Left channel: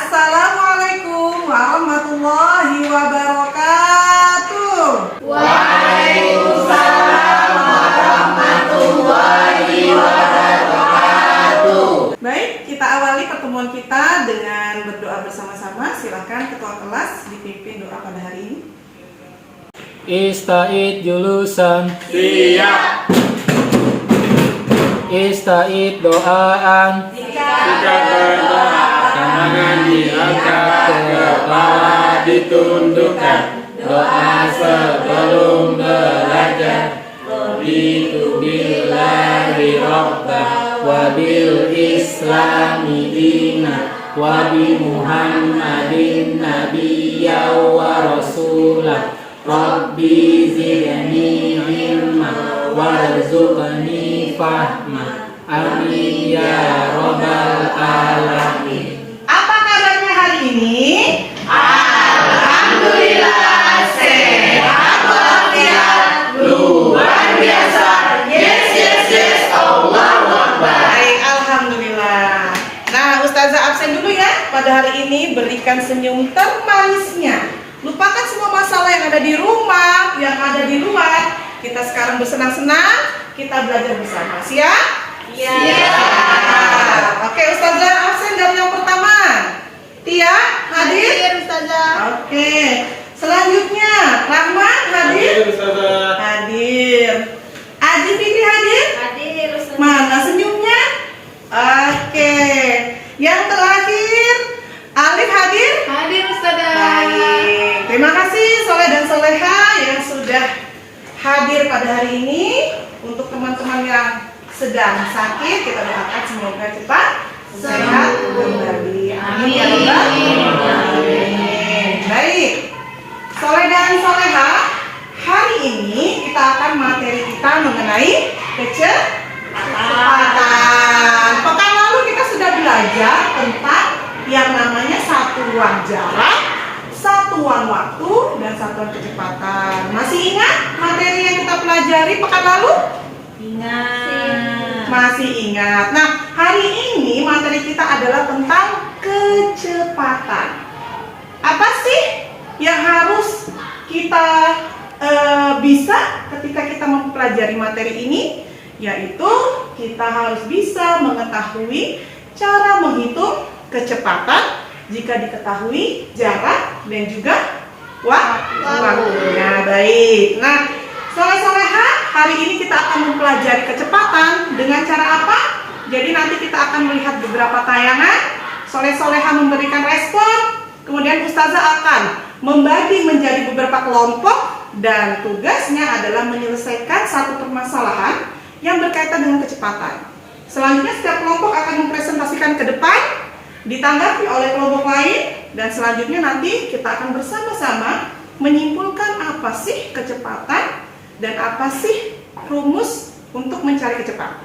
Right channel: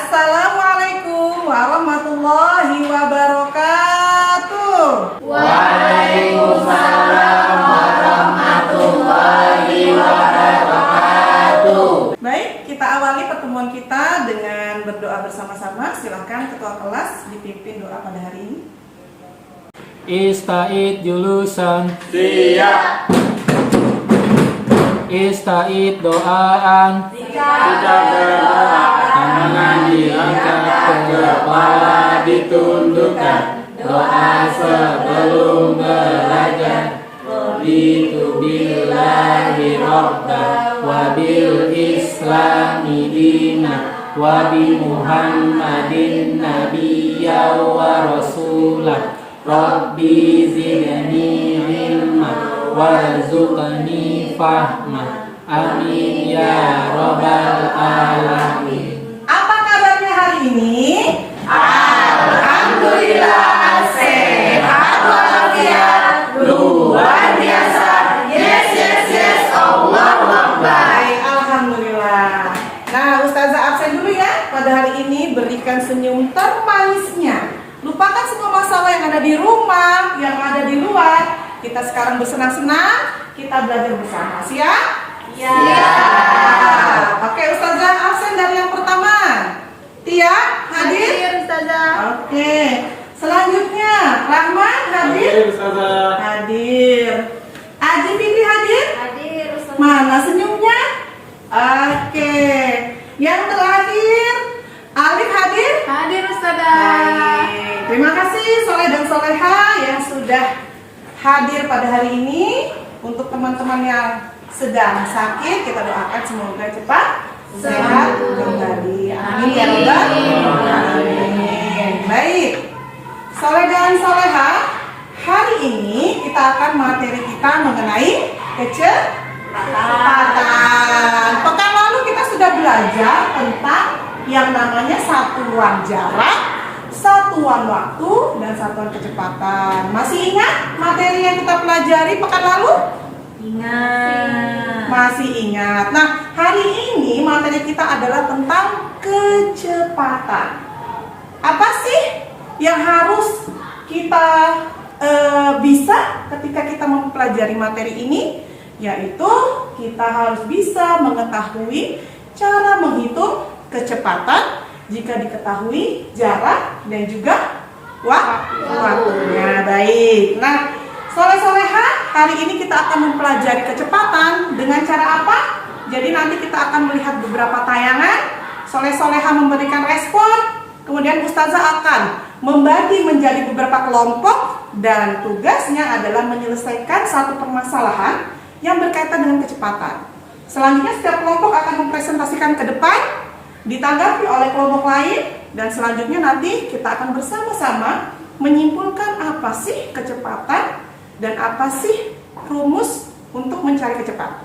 Assalamualaikum warahmatullahi wabarakatuh. Waalaikumsalam warahmatullahi wabarakatuh. Baik, kita awali pertemuan kita dengan berdoa bersama-sama. Silakan ketua kelas dipimpin doa pada hari ini. Ista'id julusan. Siap. Ista'id doaan. Jika berdoa, tangan diangkat, kepala ditundukkan. Doa sebelum belajar. Raditu billahi robba wa bil islami dina wa bi Muhammadin nabiyya wa rasulah. Rabbi zidni ilma warzuqni fahma. Amin ya rabbal alamin. Apa kabarnya hari ini? Alhamdulillah sehat walafiat, luar biasa. Yes, Allahu Akbar. Baik, alhamdulillah. Nah, Ustazah absen dulu ya. Pada hari ini berikan senyum termanisnya. Lupakan semua masalah yang ada di rumah, yang ada di luar. Kita sekarang bersenang-senang, kita belajar bersama. Siap? Siap. Oke, Ustazah absen dari yang pertama. Tia, hadir? Ustazah. Oke. Selanjutnya, Rahman hadir? Hadir. Adi Fikri hadir? Hadir Ustazah. Mana senyumnya? Oke. Yang terakhir, Alif hadir? Hadir Ustazah. Baik. Terima kasih Soleh dan Soleha yang sudah hadir pada hari ini. Untuk teman-teman yang sedang sakit, kita doakan semoga cepat sehat kembali. Amin ya rabbal alamin. Baik. Soleh dan Soleha, hari ini kita akan materi kita mengenai kecepatan. Pekan lalu kita sudah belajar tentang yang namanya satuan jarak, satuan waktu, dan satuan kecepatan. Masih ingat materi yang kita pelajari pekan lalu? Ingat. Masih ingat. Nah, hari ini materi kita adalah tentang kecepatan. Apa sih yang harus kita bisa ketika kita mempelajari materi ini? Yaitu kita harus bisa mengetahui cara menghitung kecepatan jika diketahui jarak dan juga waktunya. Baik. Nah, Soleh-soleha, hari ini kita akan mempelajari kecepatan dengan cara apa? Jadi nanti kita akan melihat beberapa tayangan. Soleh-soleha memberikan respon, kemudian Ustazah akan membagi menjadi beberapa kelompok dan tugasnya adalah menyelesaikan satu permasalahan yang berkaitan dengan kecepatan. Selanjutnya setiap kelompok akan mempresentasikan ke depan, ditanggapi oleh kelompok lain, dan selanjutnya nanti kita akan bersama-sama menyimpulkan apa sih kecepatan dan apa sih rumus untuk mencari kecepatan.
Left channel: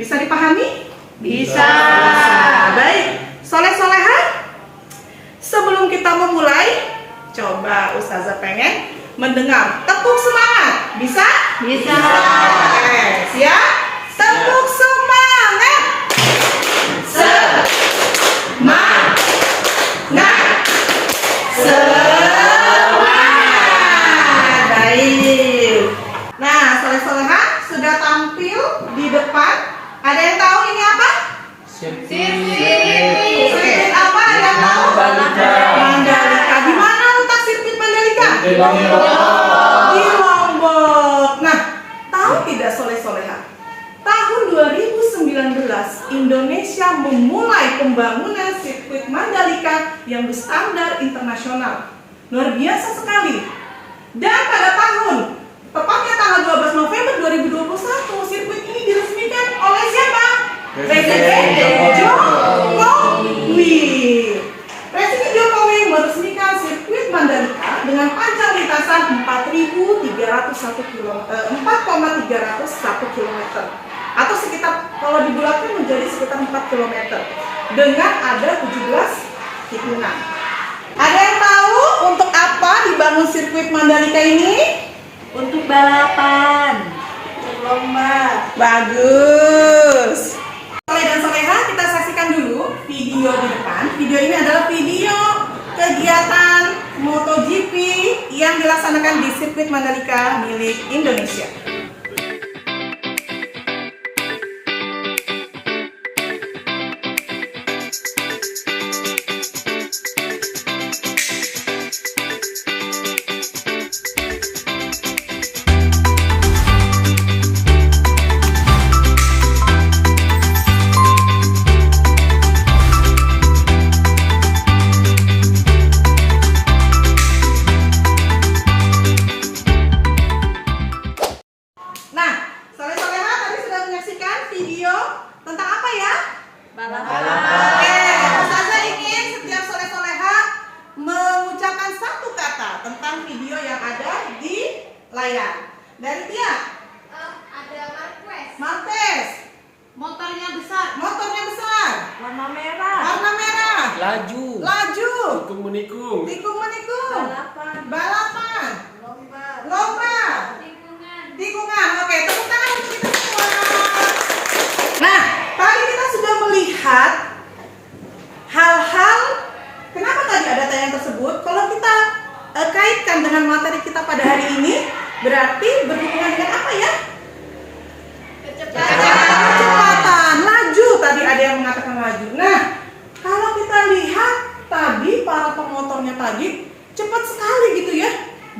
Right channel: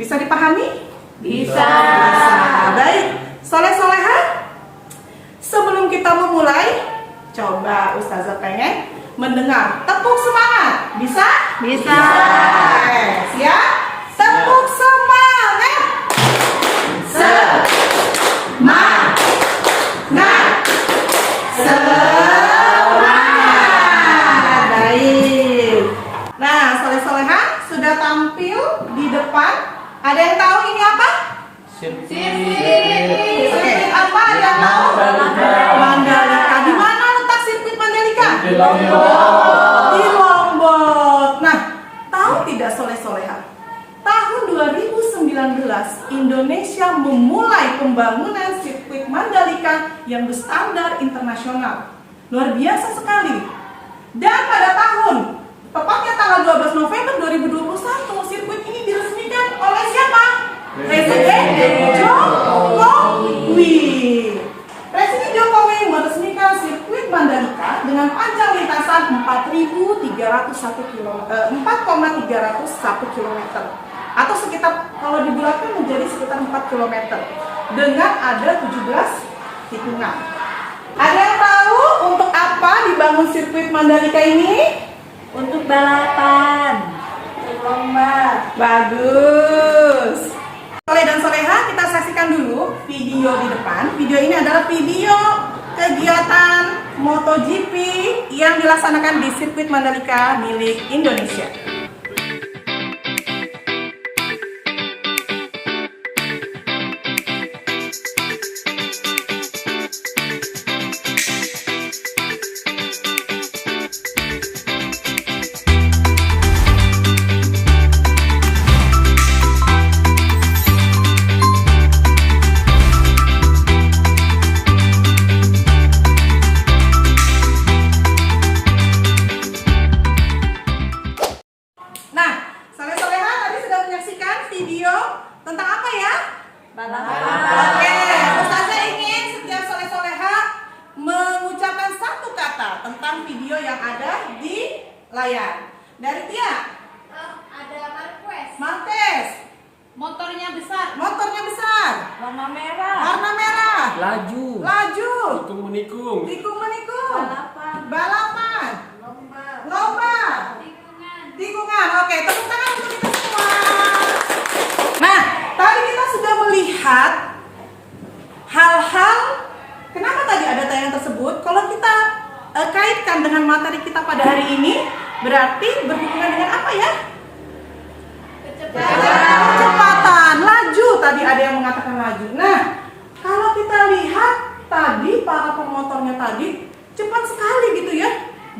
Bisa dipahami? Bisa. Baik, Soleh-soleha, sebelum kita memulai, coba Ustazah pengen mendengar tepuk semangat. Bisa? Bisa. Oke, siap? Tepuk semangat. Semangat. Baik. Nah, soleh-soleha sudah tampil di depan. Ada yang tahu ini apa? Sirkuit apa? Ada yang tahu? Mandalika. Di mana letak sirkuit Mandalika? Di Lombok. Nah, tahu tidak soleh-soleha? Tahun 2019 Indonesia memulai pembangunan sirkuit Mandalika yang berstandar internasional. Luar biasa sekali. Dan pada tahun, tepatnya tanggal 12 November 2021, sirkuit ini diresmikan oleh siapa? Presiden Jokowi. Presiden Jokowi meresmikan sirkuit Mandalika dengan panjang lintasan 4,301 km atau sekitar, kalau dibulatkan menjadi sekitar 4 km dengan ada 17 tikungan. Ada yang tahu untuk apa dibangun sirkuit Mandalika ini? Untuk balapan. Lomba. Bagus. Soleh dan soleha, kita saksikan dulu video di depan. Video ini adalah video kegiatan MotoGP yang dilaksanakan di sirkuit Mandalika milik Indonesia. Nah, soleh-soleha tadi sudah menyaksikan video tentang apa ya? Balapan. Oke, Ustazah ingin setiap soleh-soleha mengucapkan satu kata tentang video yang ada di layar. Dari Tia, Ada Marquez. Marquez, Motornya besar. motornya besar, Warna merah. warna merah, Laju. laju, Tikung menikung. tikung menikung, Balapan. balapan, Lomba. lomba, Tikungan. tikungan. Oke, tepuk tangan untuk kita semua. Nah, tadi kita sudah melihat hal-hal. Kenapa tadi ada tayangan tersebut? Kalau kita kaitkan dengan materi kita pada hari ini, berarti berhubungan dengan apa ya? Kecepatan, laju. Tadi ada yang mengatakan laju. Nah, kalau kita lihat tadi para pemotornya tadi cepat sekali gitu ya.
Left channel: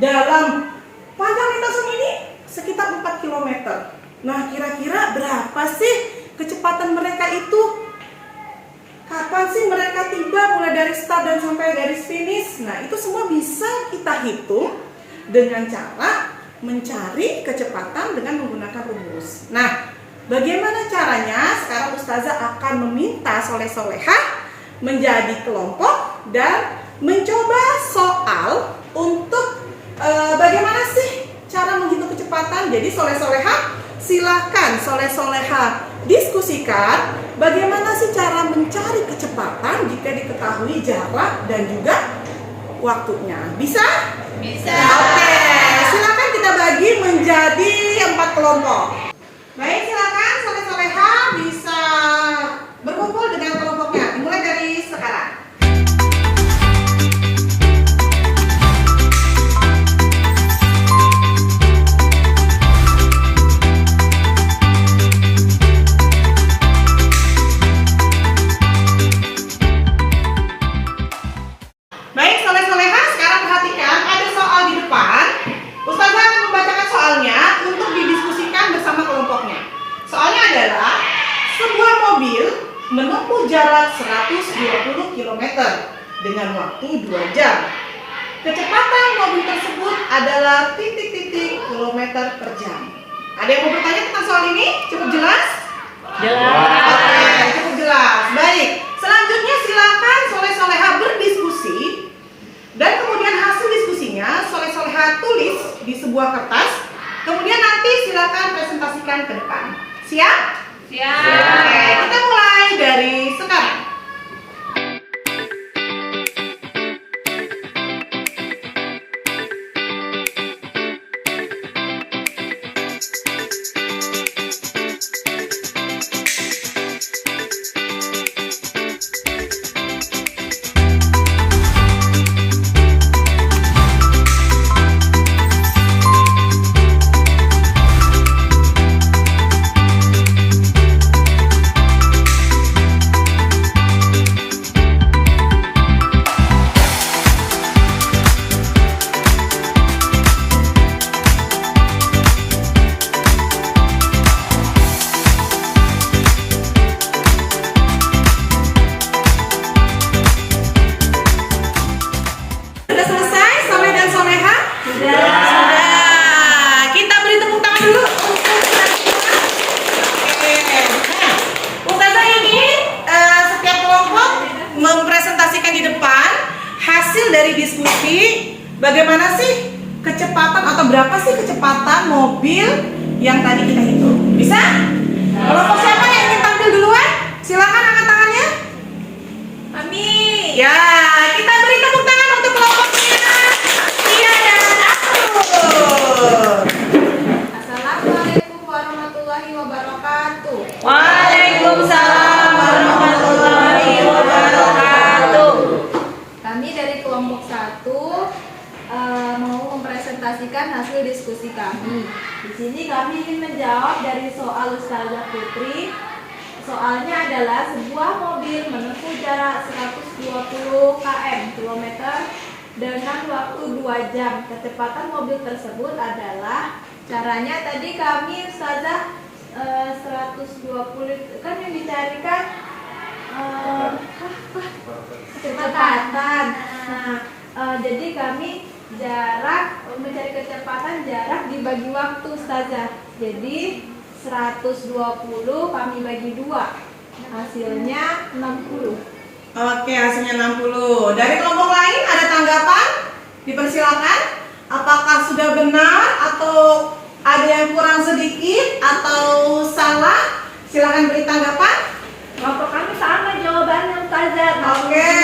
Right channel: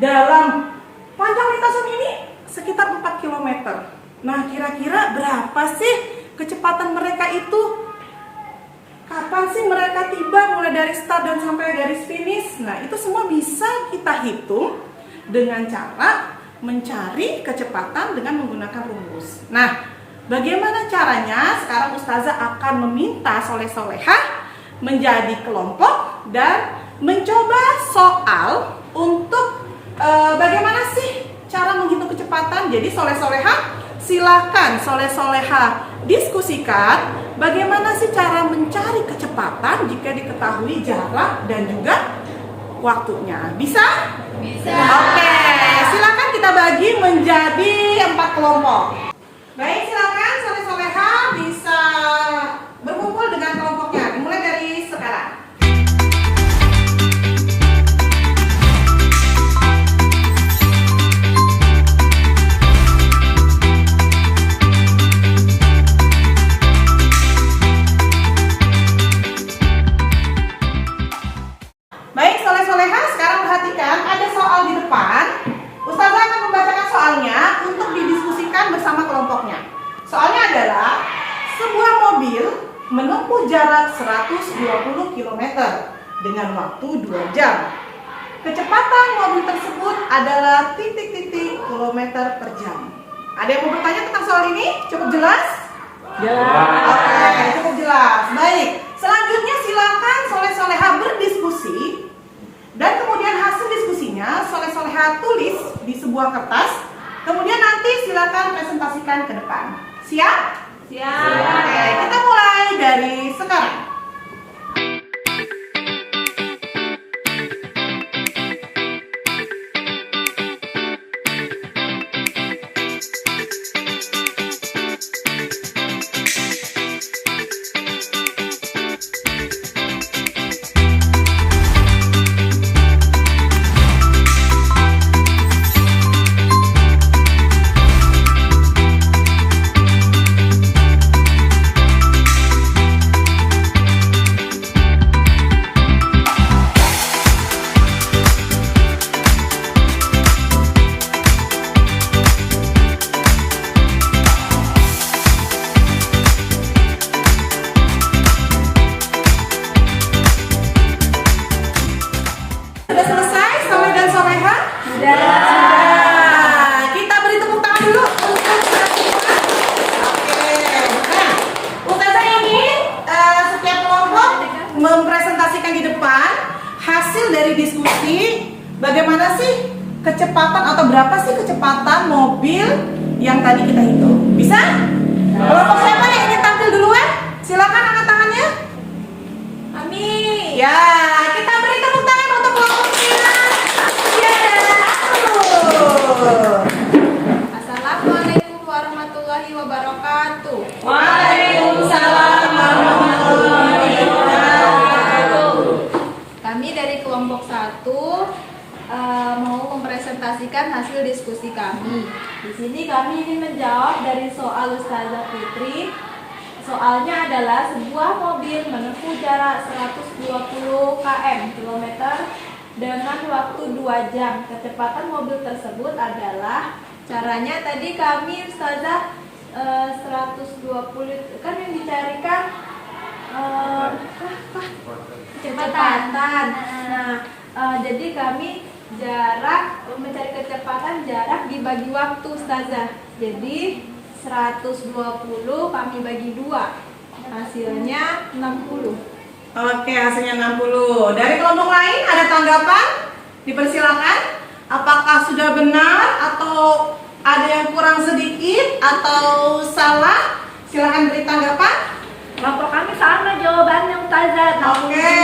Dalam panjang lintasan ini sekitar 4 km. Nah, kira-kira berapa sih kecepatan mereka itu? Kapan sih mereka tiba mulai dari start dan sampai dari finish? Nah, itu semua bisa kita hitung dengan cara mencari kecepatan dengan menggunakan rumus. Nah, bagaimana caranya? Sekarang Ustazah akan meminta soleh-soleha menjadi kelompok dan mencoba soal untuk bagaimana sih cara menghitung kecepatan. Jadi soleh-soleha silakan soleh-soleha diskusikan bagaimana sih cara mencari kecepatan jika diketahui jarak dan juga waktunya. Bisa? Bisa. Oke, silakan kita bagi menjadi 4 kelompok. Baik, silakan soleh-soleha bisa berkumpul dengan kelompoknya. Dimulai dari sekarang. Baik, soleh-soleha, sekarang perhatikan ada soal di depan. Ustazah akan membacakan soalnya untuk didiskusikan bersama kelompoknya. Soalnya adalah sebuah mobil menempuh jarak 120 km dengan waktu 2 jam. Kecepatan mobil tersebut adalah titik-titik kilometer per jam. Ada yang mau bertanya tentang soal ini? Cukup jelas? Oke, cukup jelas. Baik, selanjutnya silakan soleh-soleha berdiskusi dan kemudian hasil diskusinya soleh-soleha tulis di sebuah kertas. Kemudian nanti silakan presentasikan ke depan. Siap? Siap. Oke, kita mulai dari sekarang. Sudah selesai, soleh dan soleha? Sudah. Kita beri tepuk tangan dulu untuk kita semua. Oke. Nah, Ustazah ingin setiap kelompok mempresentasikan di depan hasil dari diskusi bagaimana sih kecepatan atau berapa sih kecepatan mobil yang tadi kita hitung. Bisa? Kelompok siapa yang ingin tampil duluan? Silakan angkat tangannya. Amin. Ya, kita beri tepuk tangan untuk kelompoknya. Iya dan Akur. Assalamualaikum warahmatullahi wabarakatuh. Waalaikumsalam warahmatullahi wabarakatuh. Kami dari kelompok 1 mau mempresentasikan hasil diskusi kami. Di sini kami ingin menjawab dari soal Ustazah Putri. Soalnya adalah sebuah mobil menempuh jarak 120 km dengan waktu 2 jam. Kecepatan mobil tersebut adalah, caranya tadi kami Ustazah 120 kan yang dicarikan kecepatan. Nah, jadi kami mencari kecepatan jarak dibagi waktu Ustazah. Jadi 120 kami bagi 2, hasilnya 60. Oke, hasilnya 60. Dari kelompok lain ada tanggapan? Dipersilakan. Apakah sudah benar atau ada yang kurang sedikit atau salah? Silakan beri tanggapan. Kelompok kami sama jawabannya Ustazah. Oke,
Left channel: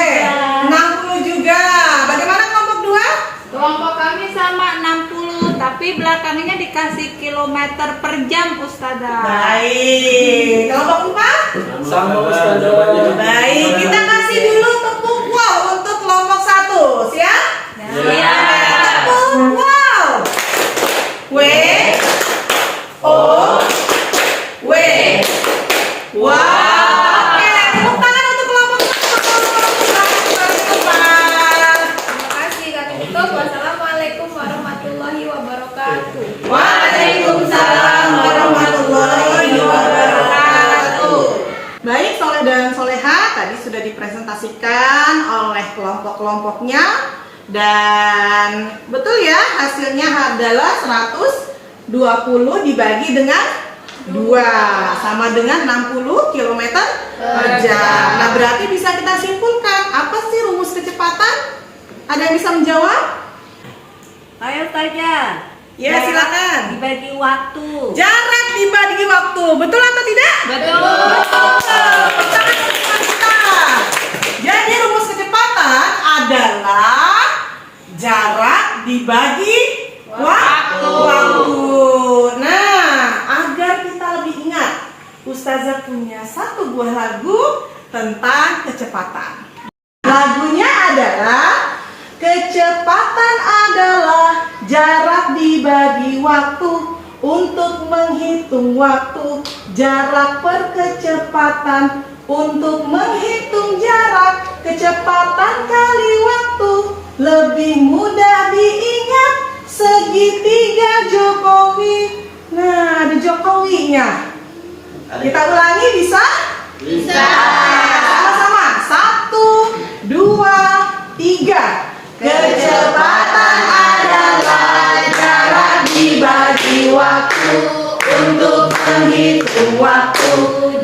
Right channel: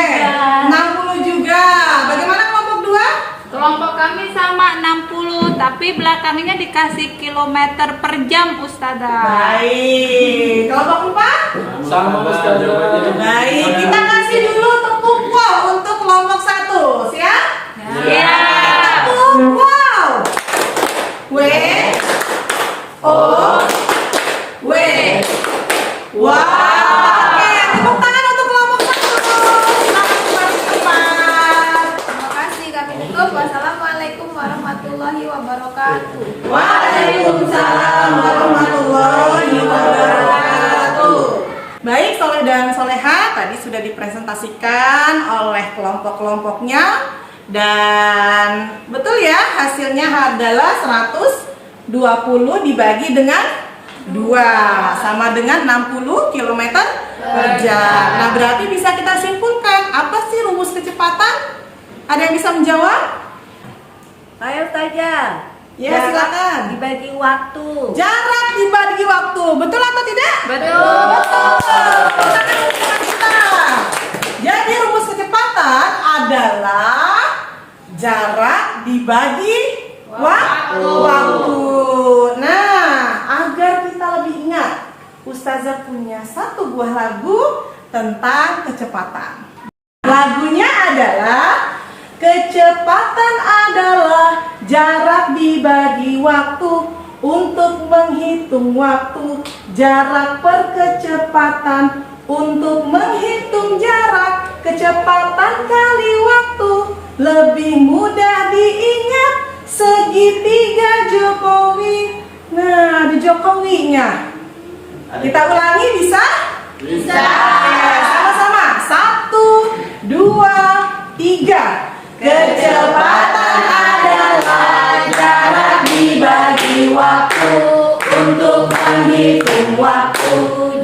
60 juga. Bagaimana kelompok 2? Kelompok kami sama 60, tapi belakangnya dikasih kilometer per jam Ustazah. Baik. Kelompok 4? Sama Ustazah. Baik, kita kasih dulu tepuk wow untuk kelompok 1. Siap? Ya. Tepuk wow. W O W. Wow. Oke, tepuk tangan untuk kelompok 1. Silakan kembali ke tempat. Terima kasih, kami tutup. Wassalamualaikum warahmatullahi wabarakatuh. Waalaikumsalam warahmatullahi wabarakatuh. Baik, Soleh dan Soleha tadi sudah dipresentasikan oleh kelompok-kelompoknya, dan betul ya, hasilnya adalah 120 dibagi dengan 2 sama dengan 60 km per jam. Nah, berarti bisa kita simpulkan apa sih rumus kecepatan? Ada yang bisa menjawab? Ayo Ustazah. Ya, silakan. Dibagi waktu. Jarak dibagi waktu, betul atau tidak? Betul. Jadi rumus kecepatan adalah jarak dibagi waktu. Nah, agar kita lebih ingat, Ustazah punya satu buah lagu tentang kecepatan. Lagunya adalah kecepatan adalah jarak dibagi waktu untuk menghitung waktu. Jarak per kecepatan untuk menghitung jarak. Kecepatan kali waktu lebih mudah diingat. Segitiga Jokowi. Nah, ada Jokowinya. Kita ulangi bisa? Bisa. Sama-sama. 1, 2, 3. Kecepatan adalah jarak dibagi waktu untuk menghitung waktu.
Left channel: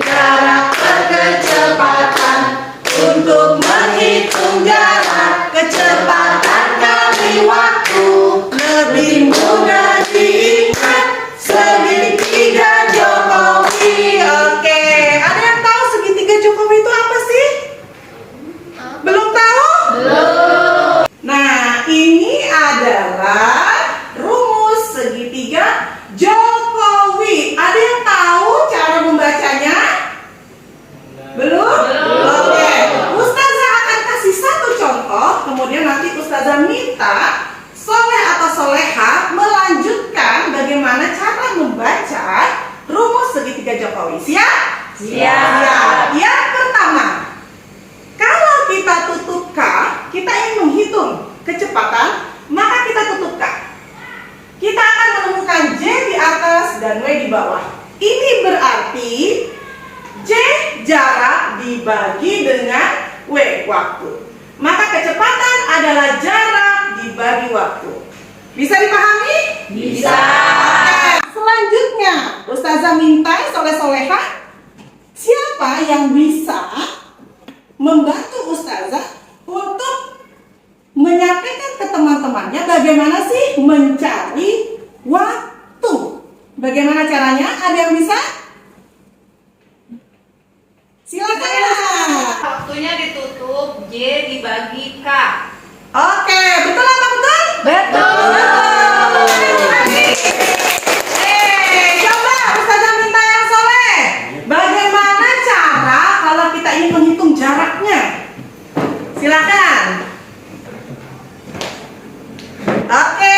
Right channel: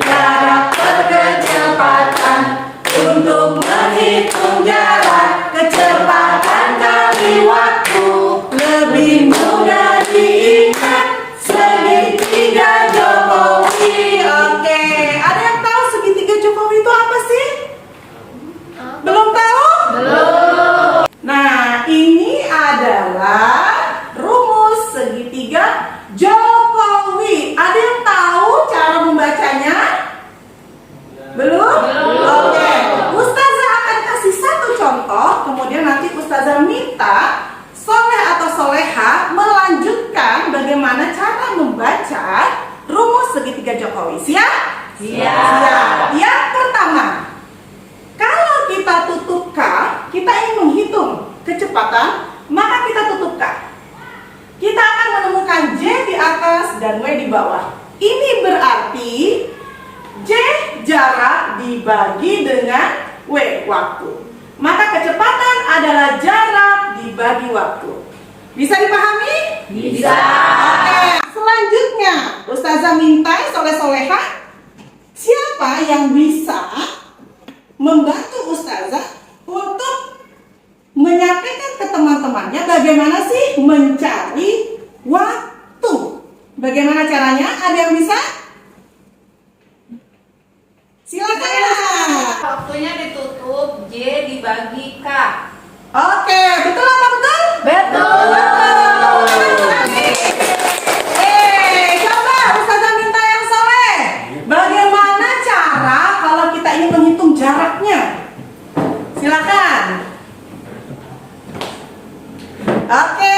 Jarak per kecepatan untuk menghitung jarak. Kecepatan kali waktu lebih mudah diingat. Segitiga Jokowi. Oke, ada yang tahu segitiga Jokowi itu apa sih? Belum tahu? Belum. Nah, ini adalah rumus segitiga Jokowi. Ada yang tahu cara membacanya? Belum? Oke. Ustazah akan kasih satu contoh, kemudian nanti Ustazah minta Soleh atau Soleha melanjutkan bagaimana cara membaca rumus segitiga Jokowi. Siap? Siap. Yang pertama, kalau kita tutup K, kita ingin menghitung kecepatan, maka kita tutup K. Kita akan menemukan J di atas dan W di bawah. Ini berarti J jarak dibagi dengan W waktu. Maka kecepatan adalah jarak dibagi waktu. Bisa dipahami? Bisa. Oke. Selanjutnya, Ustazah minta Soleh-Soleha, siapa yang bisa membantu Ustazah untuk menyampaikan ke teman-temannya bagaimana sih mencari waktu. Bagaimana caranya? Ada yang bisa? Silakan. Waktunya ditutup, J dibagi K. Oke, betul apa betul? Betul. Coba Ustazah minta yang Soleh. Bagaimana cara kalau kita ingin menghitung jaraknya? Silakan. Oke,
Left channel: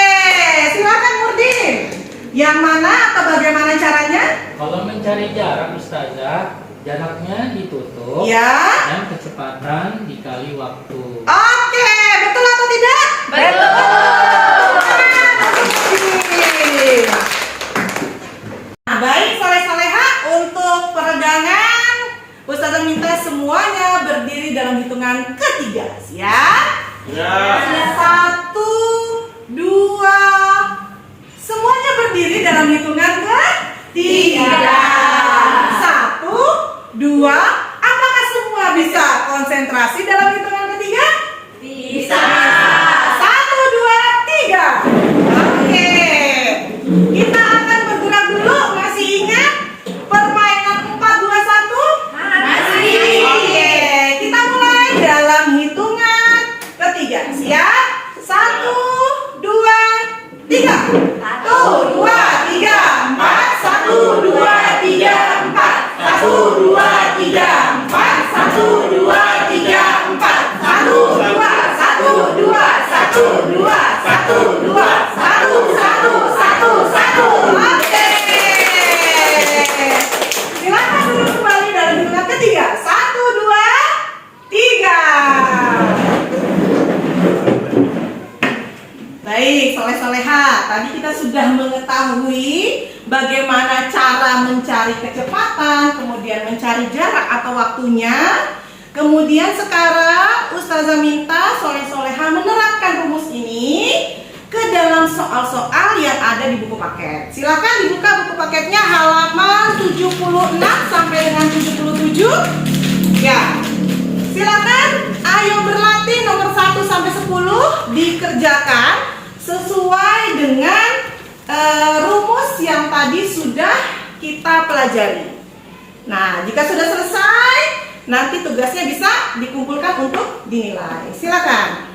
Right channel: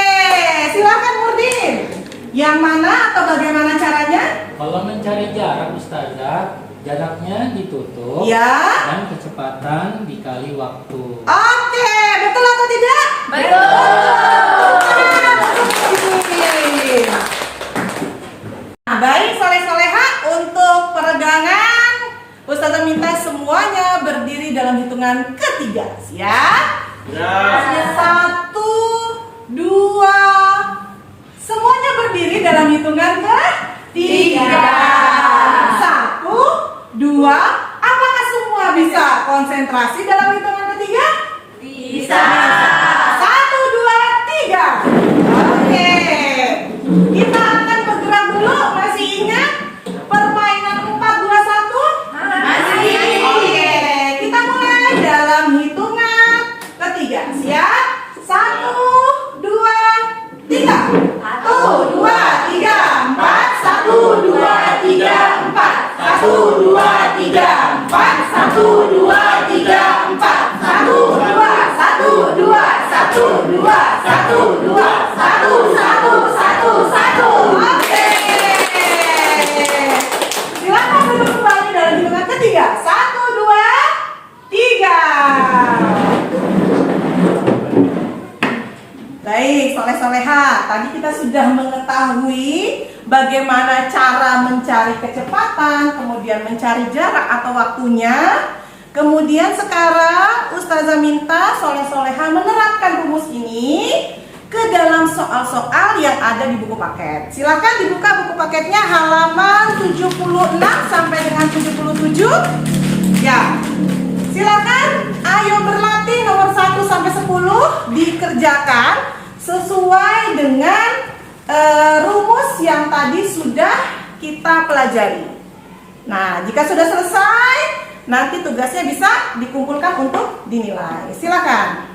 silakan Murdin. Yang mana atau bagaimana caranya? Kalau mencari jarak Ustazah, jaraknya ditutup Ya. dan kecepatan dikali waktu. Oke, betul atau tidak? Nah, baik soleh-soleha, untuk peregangan Ustazah minta semuanya berdiri dalam hitungan ketiga, siap? Ya. 1, 2, semuanya berdiri dalam hitungan ketiga. 1, 2, apakah semua bisa konsentrasi dalam hitungan ketiga? Bisa. 1, 2, 3. Oke. Kita akan bergerak dulu. Masih ingat permainan 4, 2, 1? Masih. Oke. Kita mulai dalam hitungan ketiga. Siap? 1, 2, 3. 1, 2, 3, 4. 1, 2, 3, 4. 1, 2, 3, 4. 1, 2, 3, 4. 1, 2, 1, 2, 1, 2, 1, 2, 1, 1, 1, 1. Oke. Silakan duduk kembali dalam hitungan ketiga. 1, 2, 3. Baik, soleh-soleha. Tadi kita sudah mengetahui bagaimana cara mencari kecepatan, kemudian mencari jarak atau waktunya. Kemudian sekarang Ustazah minta soleh-soleha menerapkan rumus ini ke dalam soal-soal yang ada di buku paket. Silakan dibuka buku paketnya halaman 76 sampai dengan 77. Ya. Silakan, ayo berlatih nomor 1 sampai 10 dikerjakan sesuai dengan rumus yang tadi sudah kita pelajari. Nah, jika sudah selesai, nanti tugasnya bisa dikumpulkan untuk dinilai. Silakan.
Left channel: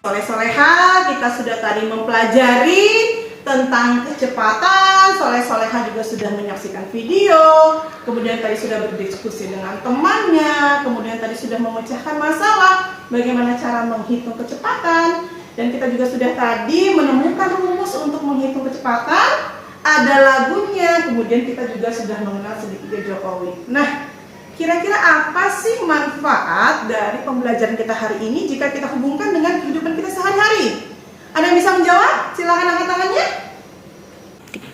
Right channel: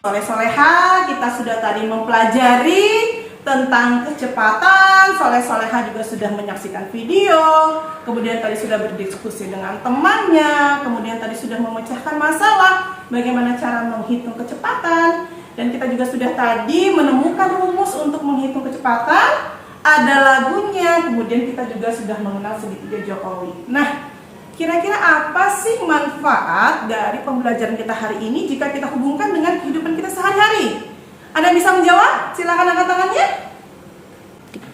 Soleh-soleha, kita sudah tadi mempelajari tentang kecepatan. Soleh-soleha juga sudah menyaksikan video, kemudian tadi sudah berdiskusi dengan temannya, kemudian tadi sudah memecahkan masalah bagaimana cara menghitung kecepatan, dan kita juga sudah tadi menemukan rumus untuk menghitung kecepatan. Ada lagunya, kemudian kita juga sudah mengenal segitiga Jokowi. Nah, kira-kira apa sih manfaat dari pembelajaran kita hari ini jika kita hubungkan dengan kehidupan kita sehari-hari? Ada yang bisa menjawab? Silakan angkat tangannya.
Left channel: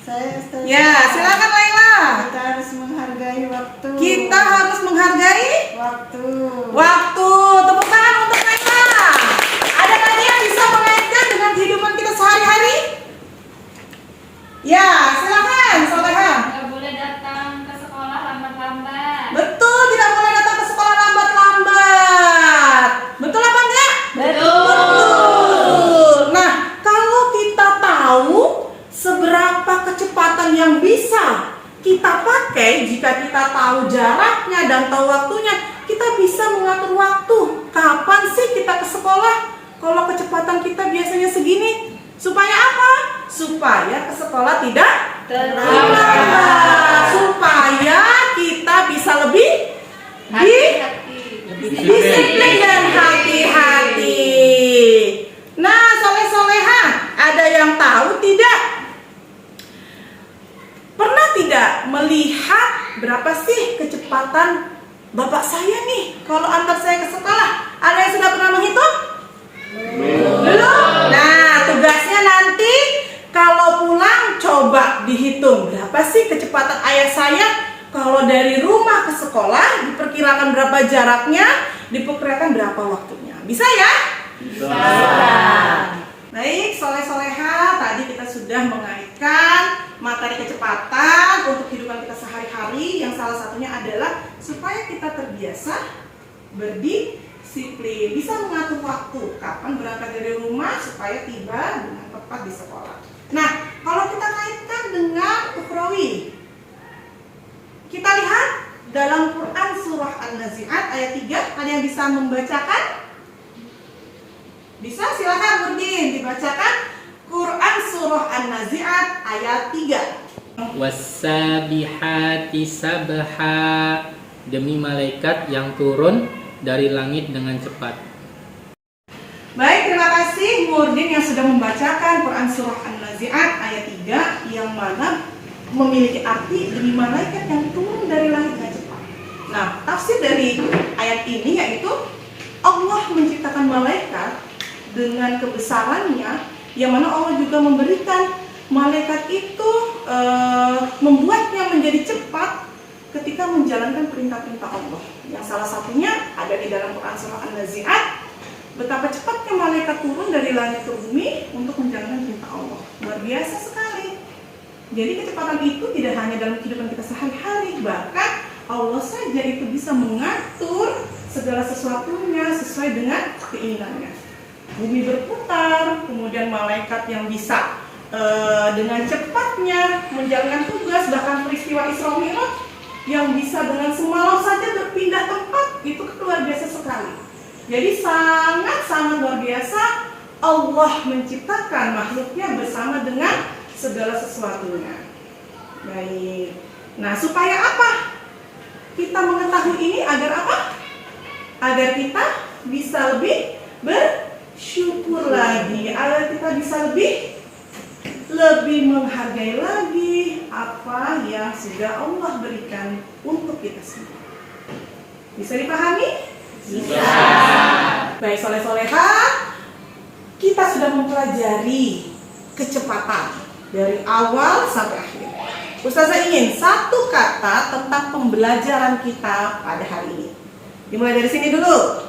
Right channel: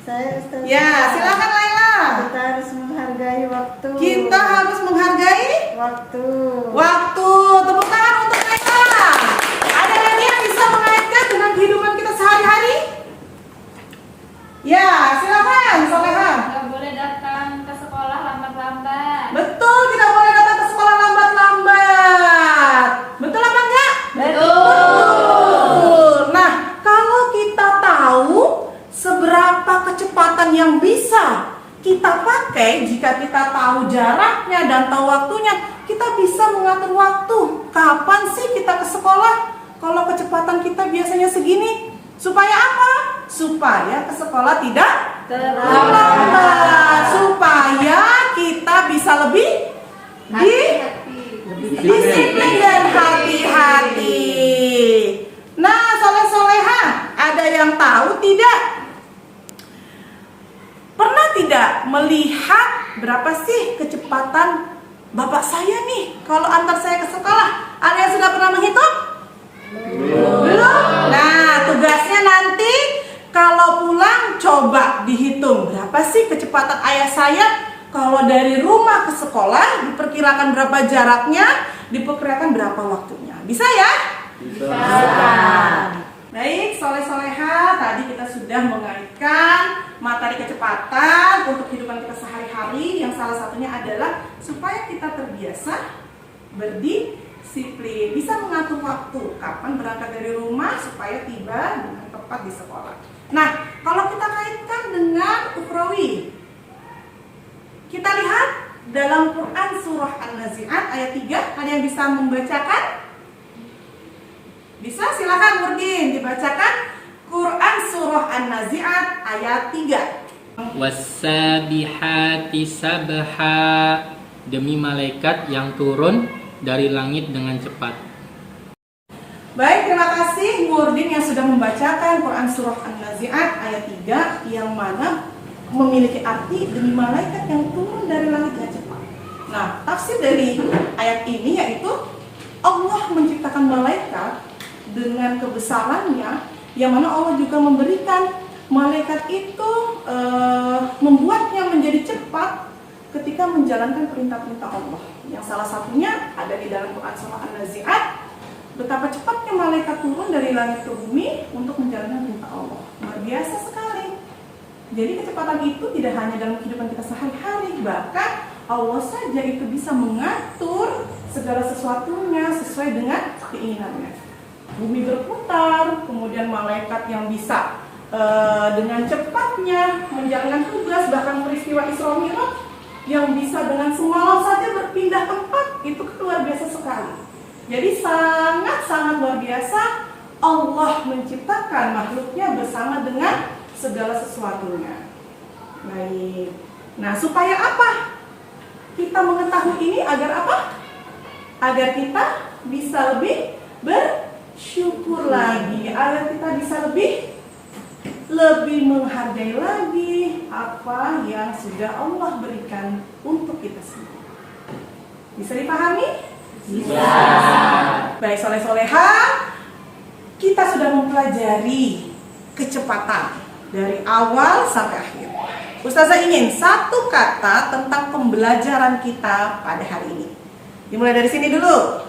Saya Ustazah. Ya, silakan Laila. Kita harus menghargai waktu. Kita harus menghargai waktu. waktu. Tepuk tangan untuk Laila. Ada lagi yang bisa mengaitkan dengan kehidupan kita sehari-hari? Ya, silakan Soleha. Nggak boleh datang ke sekolah lambat-lambat. Betul, tidak boleh datang ke sekolah lambat-lambat. Betul apa enggak? Betul. Nah, kalau kita tahu seberapa kecepatan yang bisa kita pakai, jika kita tahu jaraknya dan tahu waktunya, kita bisa mengatur waktu. Kapan sih kita ke sekolah? Kalau kecepatan kita biasanya segini, supaya apa? Supaya ke sekolah tidak terlambat. Supaya kita bisa lebih disiplin dan hati-hati. Nah, soleh-soleha, ada yang tahu tidak? Pernah tidak melihat berapa sih kecepatan bapak saya nih kalau antar saya ke sekolah? Ada yang sudah pernah menghitung? Belum? Nah, tugasnya nanti kalau pulang coba dihitung berapa sih kecepatan ayah saya kalau dari rumah ke sekolah, diperkirakan berapa jaraknya, diperkirakan berapa waktunya. Bisa ya? Bisa. Baik, soleh-soleha, tadi kita sudah mengaitkan materi kecepatan untuk kehidupan kita sehari-hari, yang salah satunya adalah supaya kita terbiasa berdisiplin. disiplin, bisa mengatur waktu kapan berangkat dari rumah supaya tiba dengan tepat di sekolah. Nah, kalau kita kaitkan dengan ukhrawi, kita lihat dalam Quran surah An-Nazi'at ayat 3, ada yang bisa membacakan? Bisa, silakan Nurdin dibacakan Quran surah An-Nazi'at ayat 3. Wassabihati sabha, demi malaikat yang turun dari langit dengan cepat. Baik, terima kasih Nurdin yang sudah membacakan Quran surah An-Nazi'at ayat 3 yang mana memiliki arti demi malaikat yang turun dari langit dengan cepat. Nah, tafsir dari ayat ini yaitu Allah menciptakan malaikat dengan kebesarannya, yang mana Allah juga memberikan malaikat itu membuatnya menjadi cepat ketika menjalankan perintah-perintah Allah. Yang salah satunya ada di dalam Quran surah An-Nazi'at, betapa cepatnya malaikat turun dari langit ke bumi untuk menjalankan perintah Allah. Luar biasa sekali. Jadi kecepatan itu tidak hanya dalam kehidupan kita sehari-hari, bahkan Allah saja itu bisa mengatur segala sesuatunya sesuai dengan keinginannya. Bumi berputar, kemudian malaikat yang bisa dengan cepatnya menjalankan tugas, bahkan peristiwa Isra Mi'raj yang bisa dengan semalam saja berpindah tempat, itu luar biasa sekali. Jadi sangat-sangat luar biasa Allah menciptakan makhluknya bersama dengan segala sesuatunya. Baik. Nah, supaya apa? Kita mengetahui ini agar apa? Agar kita bisa lebih bersyukur lagi, agar kita bisa lebih menghargai lagi apa yang sudah Allah berikan untuk kita semua. Bisa dipahami? Bisa. Baik, soleh-soleha, kita sudah mempelajari kecepatan dari awal sampai akhir. Ustazah ingin satu kata tentang pembelajaran kita pada hari ini. Dimulai dari sini dulu.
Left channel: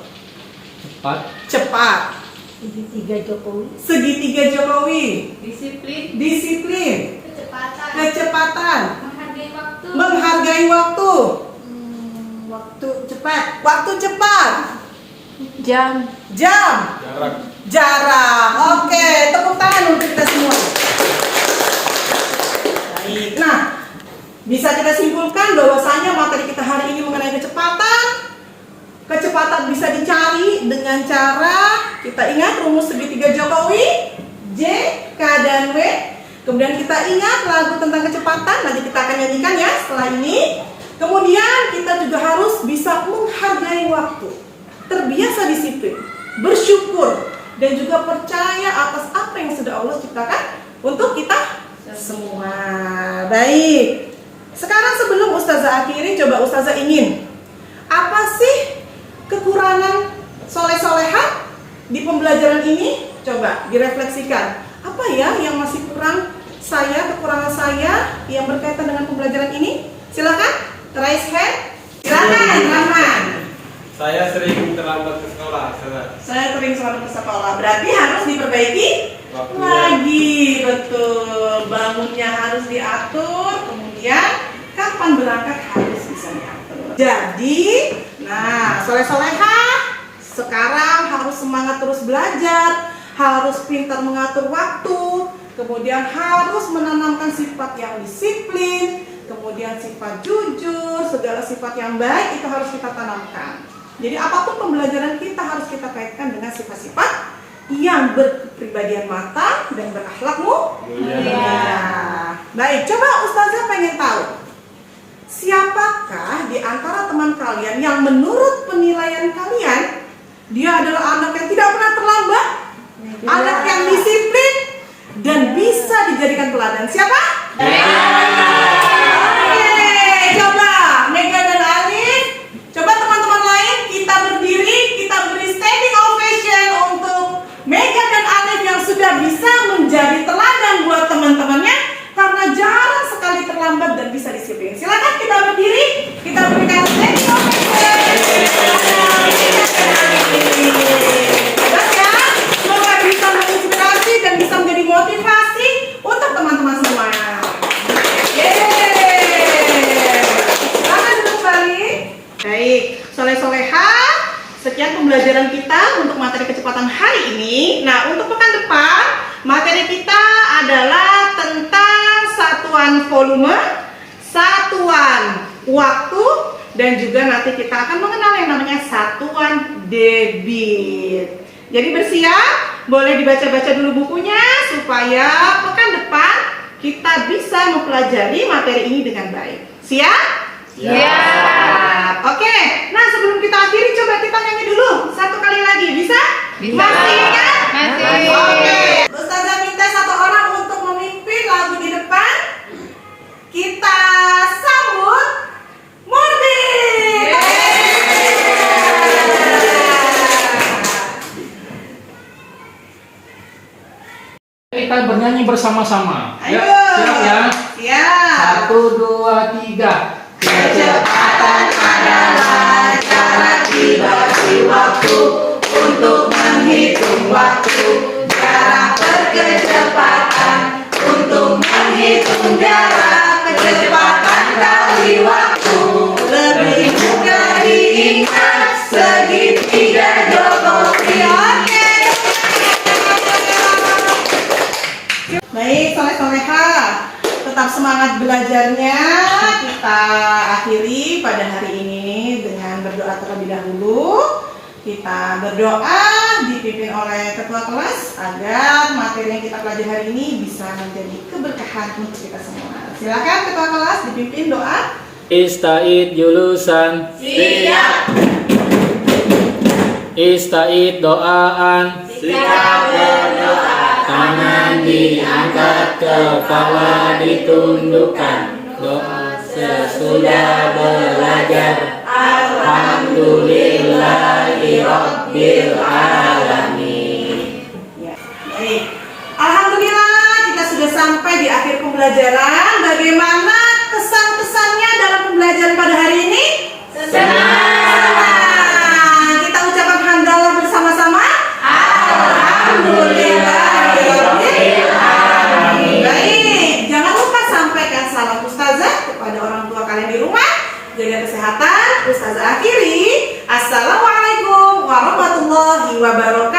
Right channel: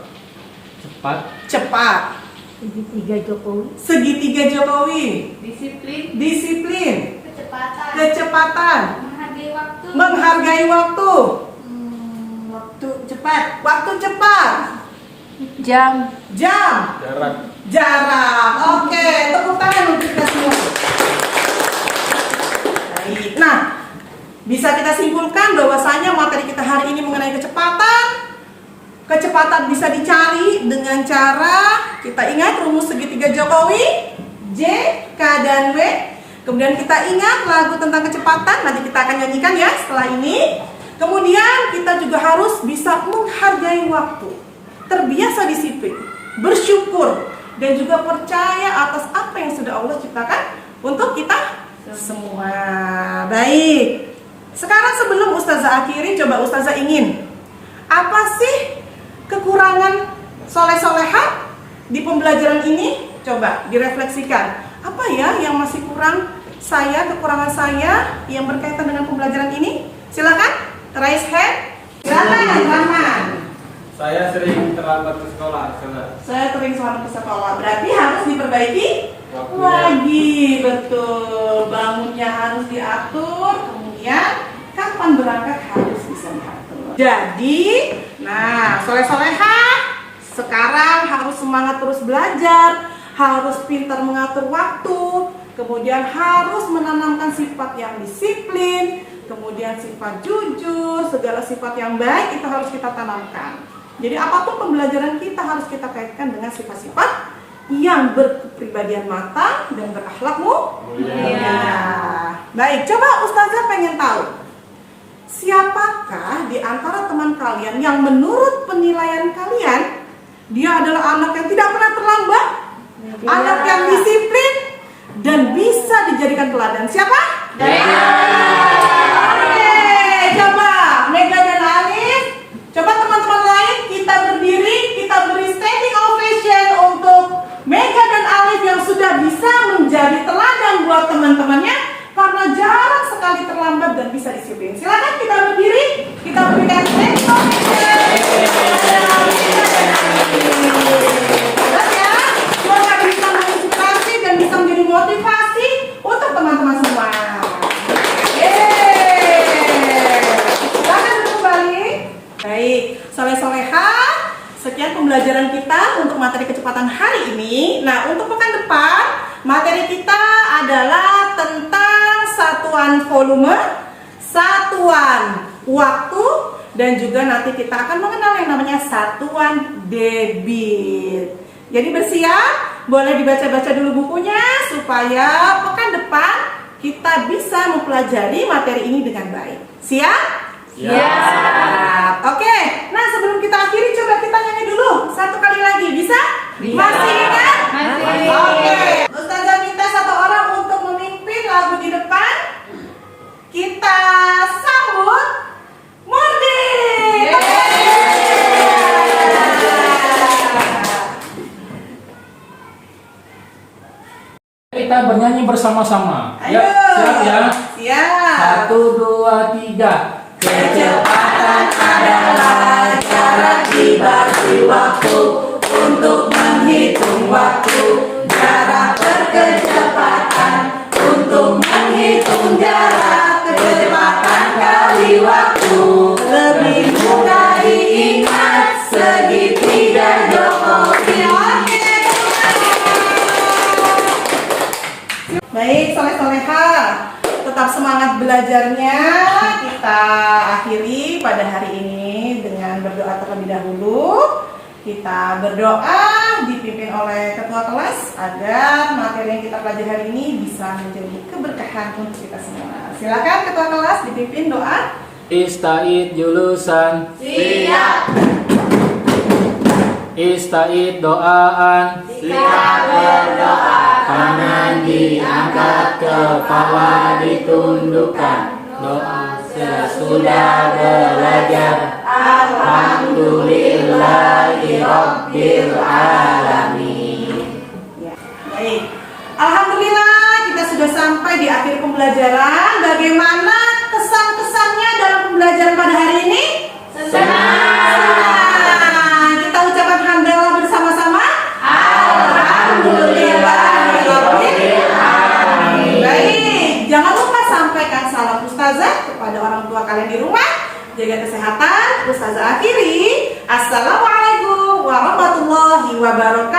Cepat. Cepat. Segitiga Jokowi. Segitiga Jokowi. Disiplin, Disiplin. Kecepatan. Kecepatan. Menghargai waktu. Menghargai waktu. Waktu cepat. Waktu cepat. jam, Jam. Jarak. Oke, tepuk tangan untuk kita semua. Baik. Nah, bisa kita simpulkan bahwasanya materi kita hari ini mengenai kecepatan. Kecepatan bisa dicari dengan cara kita ingat rumus segitiga Jokowi, J, K, dan W. Kemudian kita ingat lagu tentang kecepatan, nanti kita akan nyanyikan ya setelah ini. Kemudian kita juga harus bisa menghargai waktu, terbiasa disiplin, bersyukur, dan juga percaya atas apa yang sudah Allah ciptakan untuk kita semua. Baik. Sekarang sebelum Ustazah akhiri, coba Ustazah ingin apa sih kekurangan soleh-soleha di pembelajaran ini? Coba direfleksikan. Apa ya yang masih kurang saya, kekurangan saya yang berkaitan dengan pembelajaran ini? Silakan, raise hand. Silakan, Rahman. Saya sering terlambat ke sekolah, Saya sering selamat ke sekolah. Berarti harus diperbaiki Waktunya. lagi, betul. Bangunnya harus diatur, kemudian kapan berangkat harus bisa diatur. Jadi, nah, soleh-soleha sekarang harus semangat terus belajar, harus pintar mengatur waktu, kemudian harus menanamkan sifat yang disiplin, kemudian sifat jujur, segala sifat yang baik itu harus kita tanamkan. Jadi apapun pembelajaran kita harus kita kaitkan dengan sifat-sifat yang berkepribadian matang dan berakhlak mulia. Baik, coba Ustazah pengen tahu, siapakah di antara teman kalian yang menurut penilaian kalian dia adalah anak yang tidak pernah terlambat, anak yang disiplin dan bisa dijadikan teladan? Siapa? Oke, coba Mega dan Alif. Coba teman-teman lain kita berdiri, kita beri standing ovation untuk Mega dan Alif yang sudah bisa menjadi teladan buat teman-temannya karena jarang sekali terlambat dan bisa disiplin. Silakan kita berdiri, kita berikan standing ovation. Jelas ya, semoga bisa menginspirasi dan bisa menjadi motivasi untuk teman-teman semua. Yes. pembelajaran kita untuk materi kecepatan hari ini. Nah, untuk pekan depan, materi kita adalah tentang satuan volume, satuan waktu, dan juga nanti kita akan mengenal yang namanya satuan debit. Jadi bersiap, boleh dibaca-baca dulu bukunya supaya pekan depan kita bisa mempelajari materi ini dengan baik. Siap? Siap. Oke, nah sebelum kita akhiri coba kita nyanyi dulu satu kali lagi, bisa? Masih ingat? Masih. Oke, Ustazah minta satu orang untuk memimpin lagu di depan. Kita sambut Murdi. Kita bernyanyi bersama-sama. Ayo. Siap ya? Siap. 1, 2, 3. Kecepatan adalah cara dibagi waktu untuk menghitung waktu. Jarak berkecepatan untuk menghitung jarak. Kecepatan kali waktu lebih mudah diingat. Segitiga Jokowi. Oke. Baik, soleh-soleha, tetap semangat belajarnya. Kita akhiri pada hari ini dengan berdoa terlebih dahulu. Kita berdoa dipimpin oleh ketua kelas agar materi yang kita pelajari hari ini bisa menjadi keberkahan untuk kita semua. Silakan ketua kelas dipimpin doa. Ista'id julusan. Siap. Ista'id doaan. Siap berdoa. Tangan diangkat, kepala ditundukkan. Doa sesudah belajar. Alhamdulillahi Rabbil Alamin. Ya, baik. Alhamdulillah kita sudah sampai di akhir pembelajaran. Bagaimana kesan-kesannya dalam pembelajaran pada hari ini? Senang. Kita ucapkan hamdalah bersama-sama. Alhamdulillahirabbil alamin. Baik, jangan lupa sampaikan salam ustazah kepada orang tua kalian di rumah. Jaga kesehatan. Ustazah akhiri. Assalamualaikum warahmatullahi wabarakatuh.